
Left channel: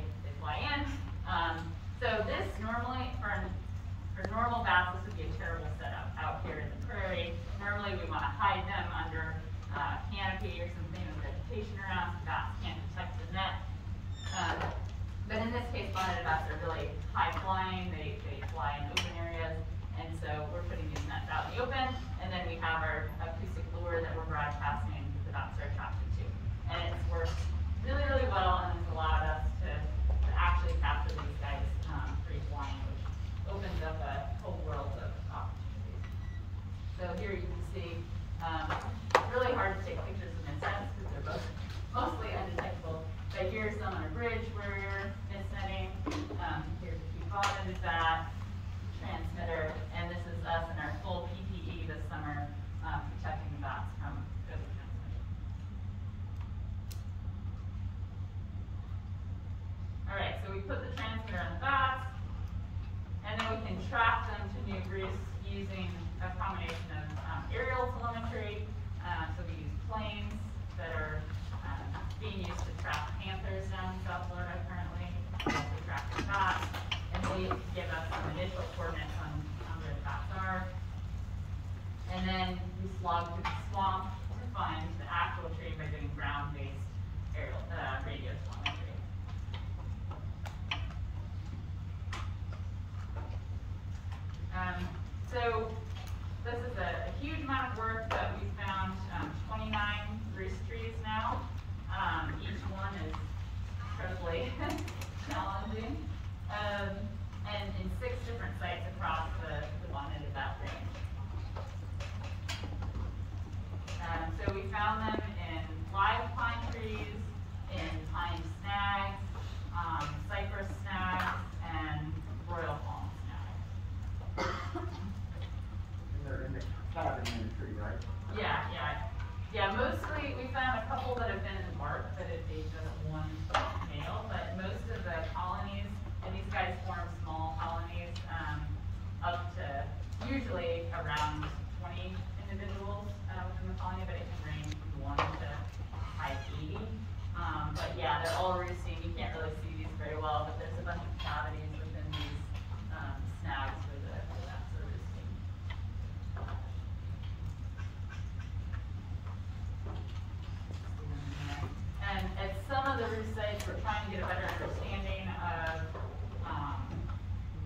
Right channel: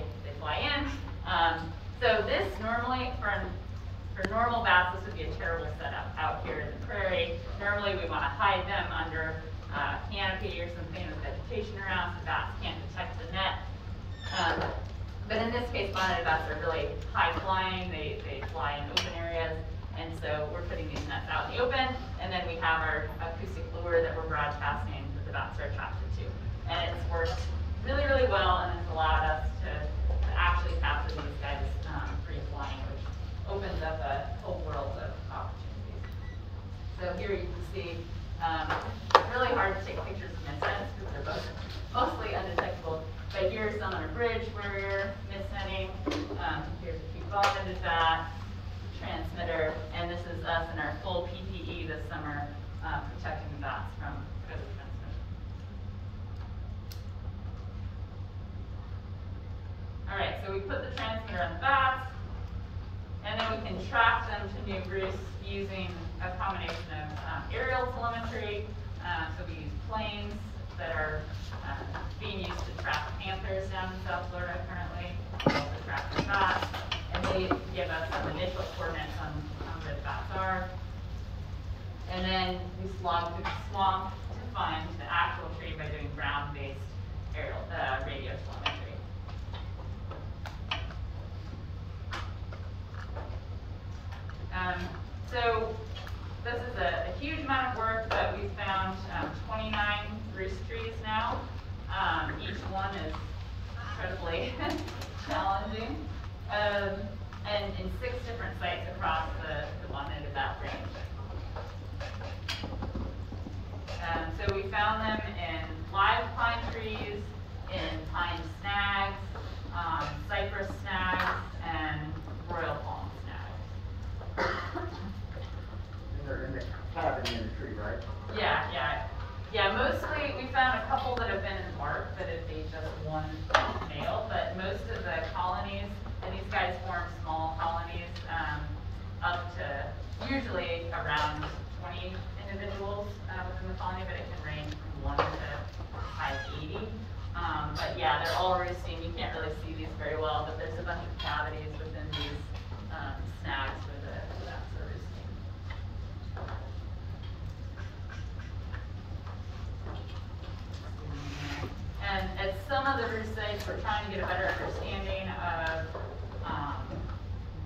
in. So this normally, for normal bats, this would be a terrible setup out here in the prairie. Normally we want to hide them under canopy or something with vegetation around so bats can't detect the net. But in this case, bonneted bats are really high flying. They fly in open areas, and so we're putting these nets out in the open, and then we have our acoustic lure that we're broadcasting that the bats are attracted to. And it's worked really, really well, and it's allowed us to actually capture these guys free flying, which opens up a whole world of opportunities. So here you can see, really hard to take pictures of mist nets because they're both mostly undetectable. But here's some on a bridge where we're mist netting. Here's a cute bonneted bat transmitter, and this is us in our full PPE this summer protecting the bats from COVID transmission. All right, so we put the transmitter on the bats, and then we can track them to new roosts using a combination of aerial telemetry. So we use planes that are being used to track panthers down in South Florida currently, also track the bats, and they give us some initial coordinates on where the bats are. And then we slog through the swamp to find the actual tree by doing ground-based aerial radio telemetry. So this is a huge amount of work, but we found 29 roost trees now. Each one is incredibly challenging, and in 6 different sites across the bonneted bat range. So we found them in live pine trees, in pine snags, cypress snags, and royal palm snags. And they're in the cabin in the tree, right? they're all roosting. You can't really see these very well, but there's a bunch of cavities within these snags where the bats are roosting. And at some of the roost sites, we're trying to get a better understanding of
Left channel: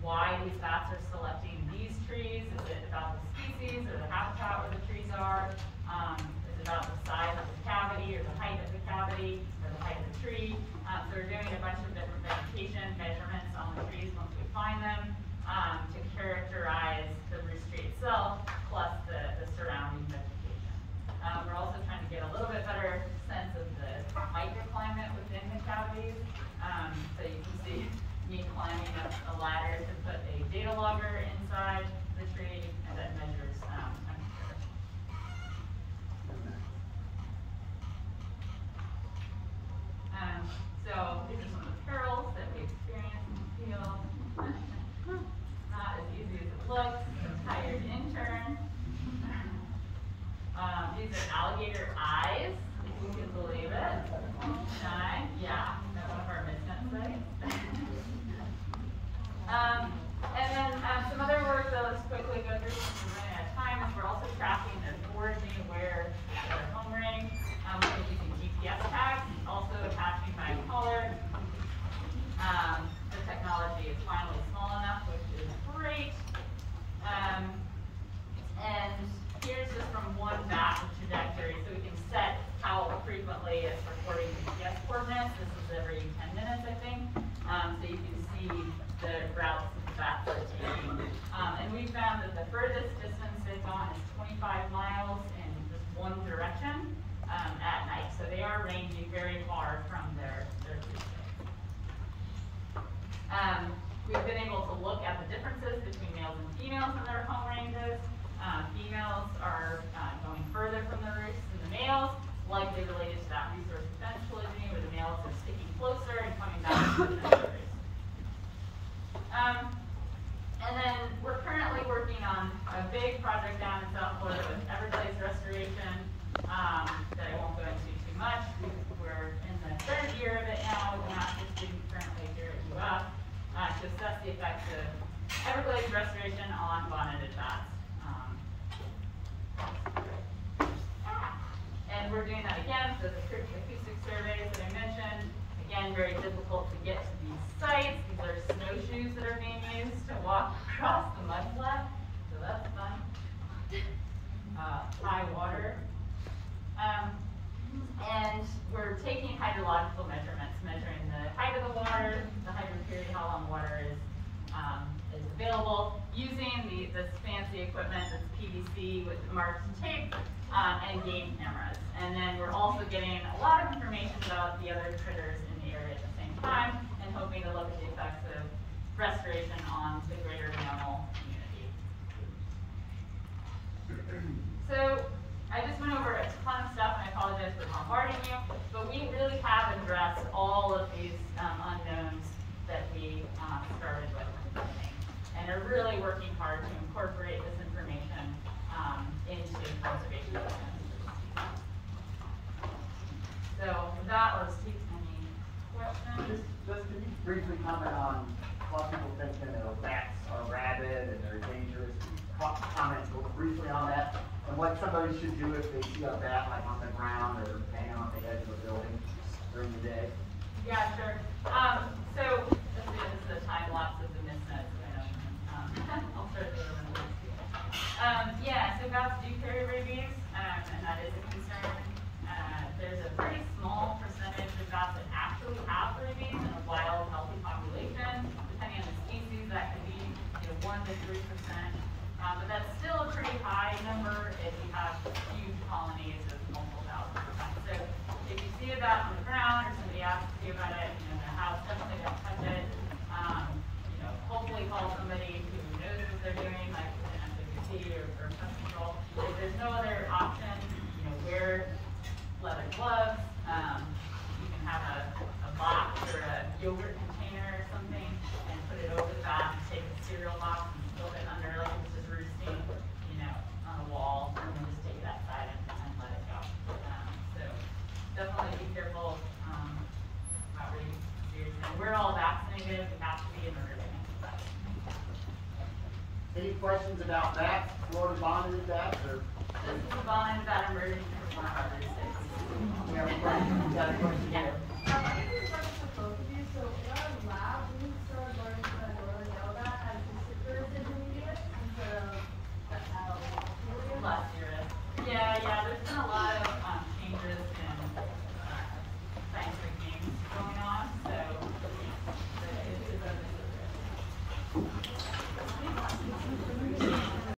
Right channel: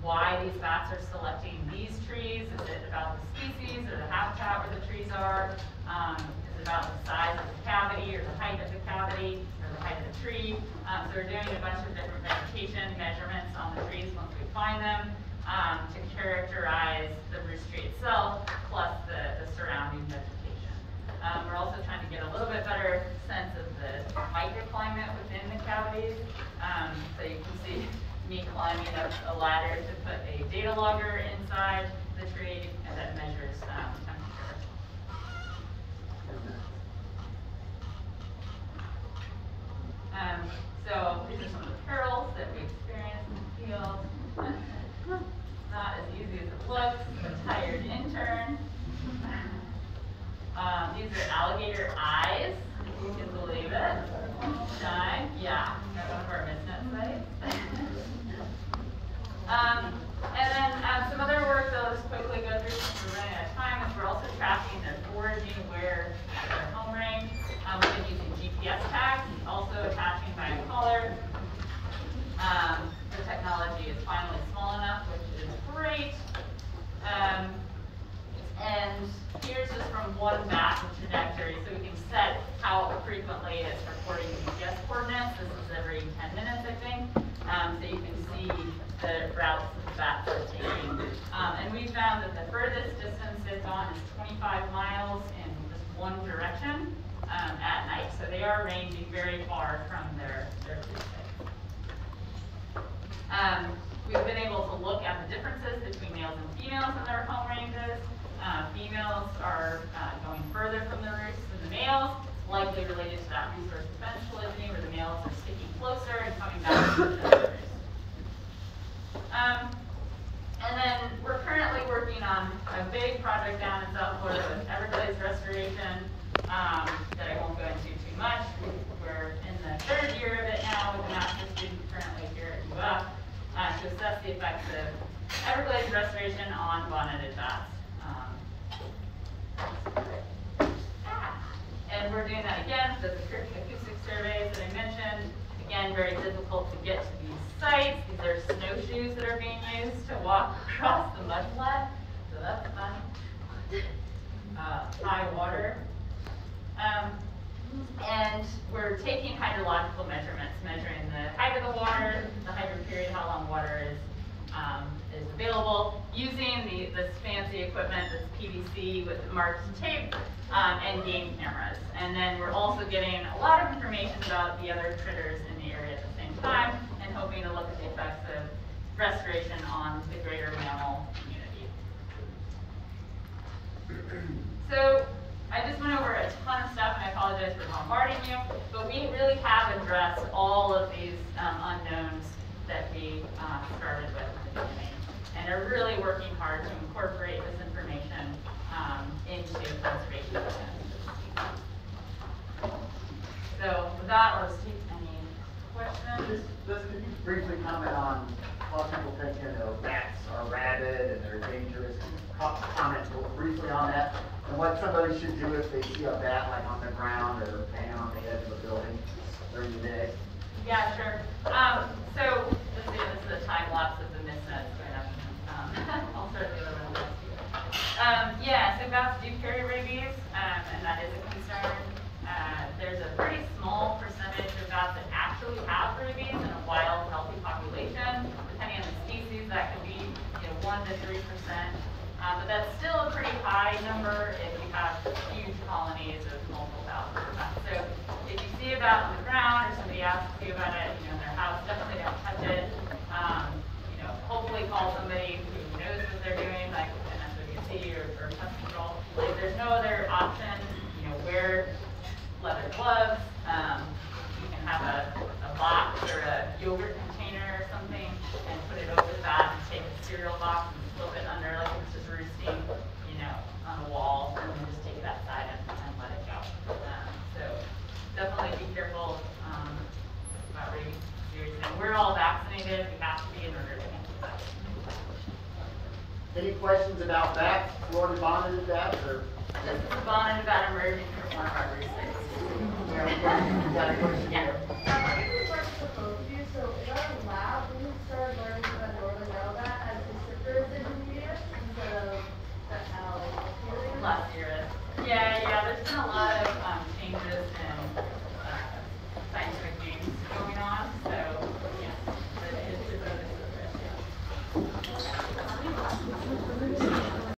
why these bats are selecting these trees. Is it about the species or the habitat where the trees are? Is it about the size of the cavity or the height of the cavity or the height of the tree? So we're doing a bunch of different vegetation measurements on the trees once we find them to characterize the roost tree itself plus the surrounding vegetation. We're also trying to get a little bit better sense of the microclimate within the cavities. So you can see me climbing up a ladder to put a data logger inside the tree that measures temperature. So these are some of the perils that we experience in the field. Not as easy as it looks. A tired intern. These are alligator eyes, if you can believe it. Shine, yeah, at one of our misnet sites. And then some other work that I'll just quickly go through since we're running out of time is we're also tracking the foraging where at their home range. We've been using GPS tags, also attaching by collar. The technology is finally small enough, which is great. And here's just from one bat trajectory, so we can set how frequently it's reporting GPS coordinates. This is every 10 minutes, I think. So you can see the routes that the bats are taking. And we found that the furthest distance they've gone is 25 miles in just one direction at night. So they are ranging very far from their roost sites. We've been able to look at the differences between males and females in their home ranges. Females are going further from the roosts than the males, likely related to that resource defense polygyny, where the males are sticking closer and coming back to the roost. And then we're currently working on a big project down in South Florida with Everglades restoration that I won't go into too much. We're in the third year of it now with a master's student currently here at UF to assess the effects of Everglades restoration on bonneted bats. And we're doing that again, so the acoustic surveys that I mentioned, again, very difficult to get to these sites. These are snowshoes that are being used to walk across the mudflat, so that's fun. High water. And we're taking hydrological measurements, measuring the height of the water, the hydro period, how long water is available, using this fancy equipment that's PVC with marked tape and game cameras. And then we're also getting a lot of information about the other critters in the area at the same time and hoping to look at the effects of restoration on the greater mammal community. So I just went over a ton of stuff, and I apologize for bombarding you, but we really have addressed all of these unknowns that we started with in the beginning, and are really working hard to incorporate this information into conservation plans. So with that, let's take any questions. Just could you briefly comment on a lot of people think bats are rabid and they're dangerous. Comment briefly on that, and what somebody should do if they see a bat like on the ground or hanging on the edge of a building during the day. Yeah, sure. So this is a time lapse of the misnet right up. I'll start the other one. Yeah, so bats do carry rabies, and that is a concern. There's a pretty small percentage of bats that actually have rabies in a wild, healthy population. Depending on the species, that could be 1 to 3%. But that's still a pretty high number if you have huge colonies of multiple thousands of bats. So if you see a bat on the ground or somebody asks you about it, in their house, definitely don't touch it. Hopefully call somebody who knows what they're doing, like an SWC or pest control. If there's no other option, wear leather gloves. You can have a box or a yogurt container or something and put it over the bat and take a cereal box and flip it under like it was just roosting, on a wall, and then just take it outside and let it go. So definitely be careful we're all vaccinated, we have to be in order to answer that. Any questions about bats, Florida bonded bats, or? This is a bonnet about emerging from one of our research. You got a question Yeah. here? I have a question for both of you. So in our lab, we started learning